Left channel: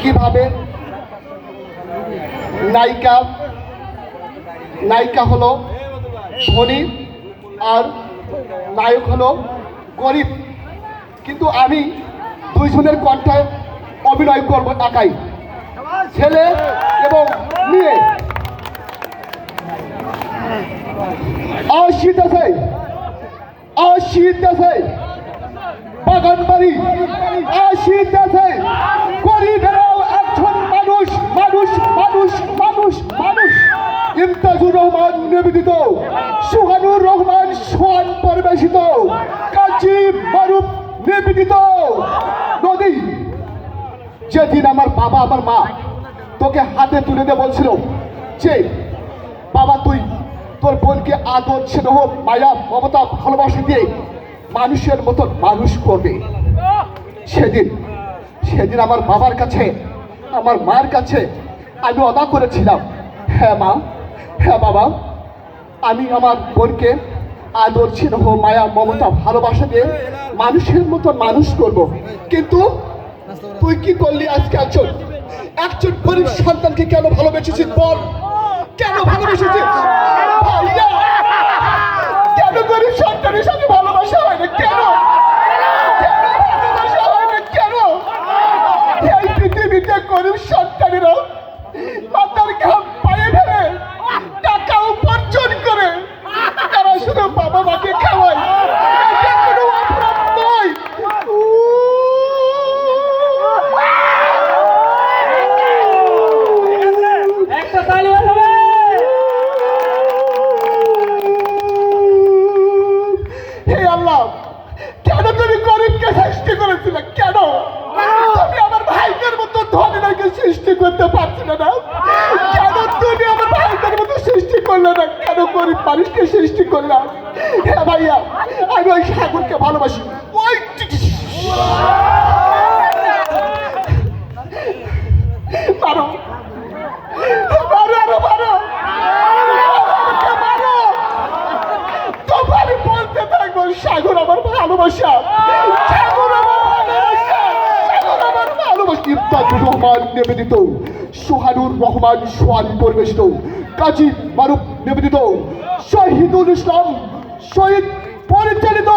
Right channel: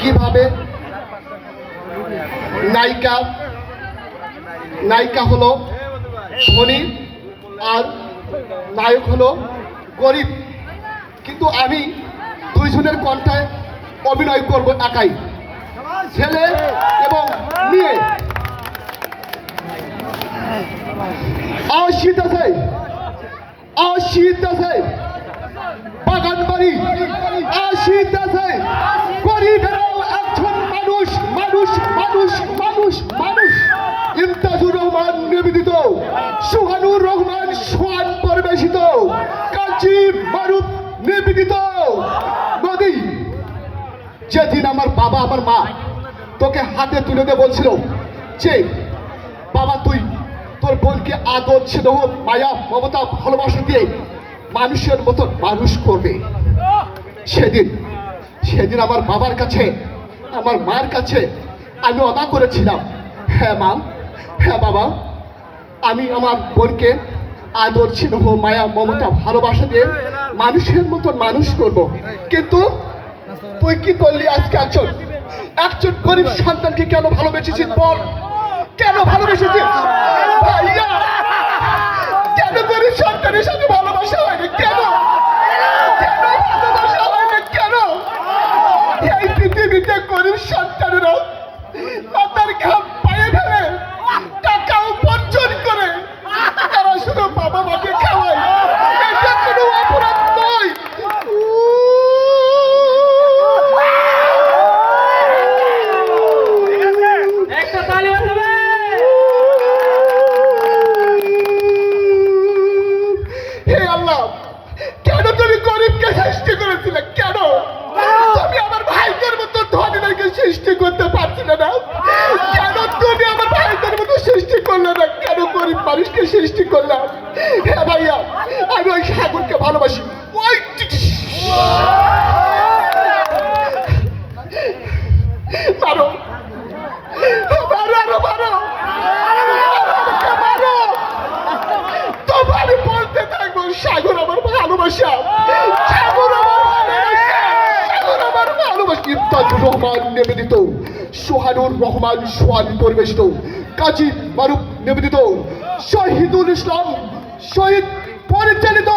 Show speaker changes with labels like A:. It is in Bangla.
A: কীভাবে নায়িকা নায়িকা হলো ধনী আর নায়ক হলো গরিব। কিন্তু আমি দুইজনের কণ্ঠায় অভিনয় করব একাই, ছেলে এবং মেয়ে। আশিত আছে আশিত আছে বাগান বাড়ি আশিত আছে গরিবেরাও ইমতাজুর রহমান নিবেদিত, সুহানুর রহমান সোহান পরিবেশিত, কাজী মারুফ নিবেদিত। নদী, যেদিন আমার বাবা, আমার মা তোকে হাতে তুলে দিয়ে বলছিল যে, বাবা তুই তোর বোনকে আদর স্নেহ মায়া, মমতা, ভালোবাসা দিয়ে মানুষের মতন মানুষ করবে। সেদিন সেদিন আমার বাবার কাছে, আমার মার কাছে আমি অদা করেছিলাম। হ্যাঁ মা হ্যাঁ বাবা, আমি আমার বোনকে আদর, স্নেহ, মায়া, মমতা, ভালোবাসা দিয়ে মানুষের মতন মানুষ করব। কিন্তু তুই কি করলি আজকে একজন? একজন গরিব সন্তানকে কেন ভালোবেসেছিস বল? কেন ভালোবেসেছিস? ভাইয়া! মাতার ঘাম পায়ে ফেলে টাকা উপার্জন করে তারা শুধু বাবা মাকে খাওয়ায়। এটা কেন তুমি গরিবকে সৃষ্টি করেছিলে? কেন? গরিব মানুষকে সৃষ্টি করলাম। হ্যাঁ ভাইয়া, আমি ওই সাগরকে ভালোবাসি। সাগর আমার ভালোবাসা। সাগর আমার ভালোবাসা। আমার ভালোবাসা ইফতাজুর রহমান নিবেদিত সোহানুর রহমান সোহানি পরিবেশিত। কাজী মারুফ নিবেদিত। শহীদুল ইসলাম, শহীদ পরিচালিত।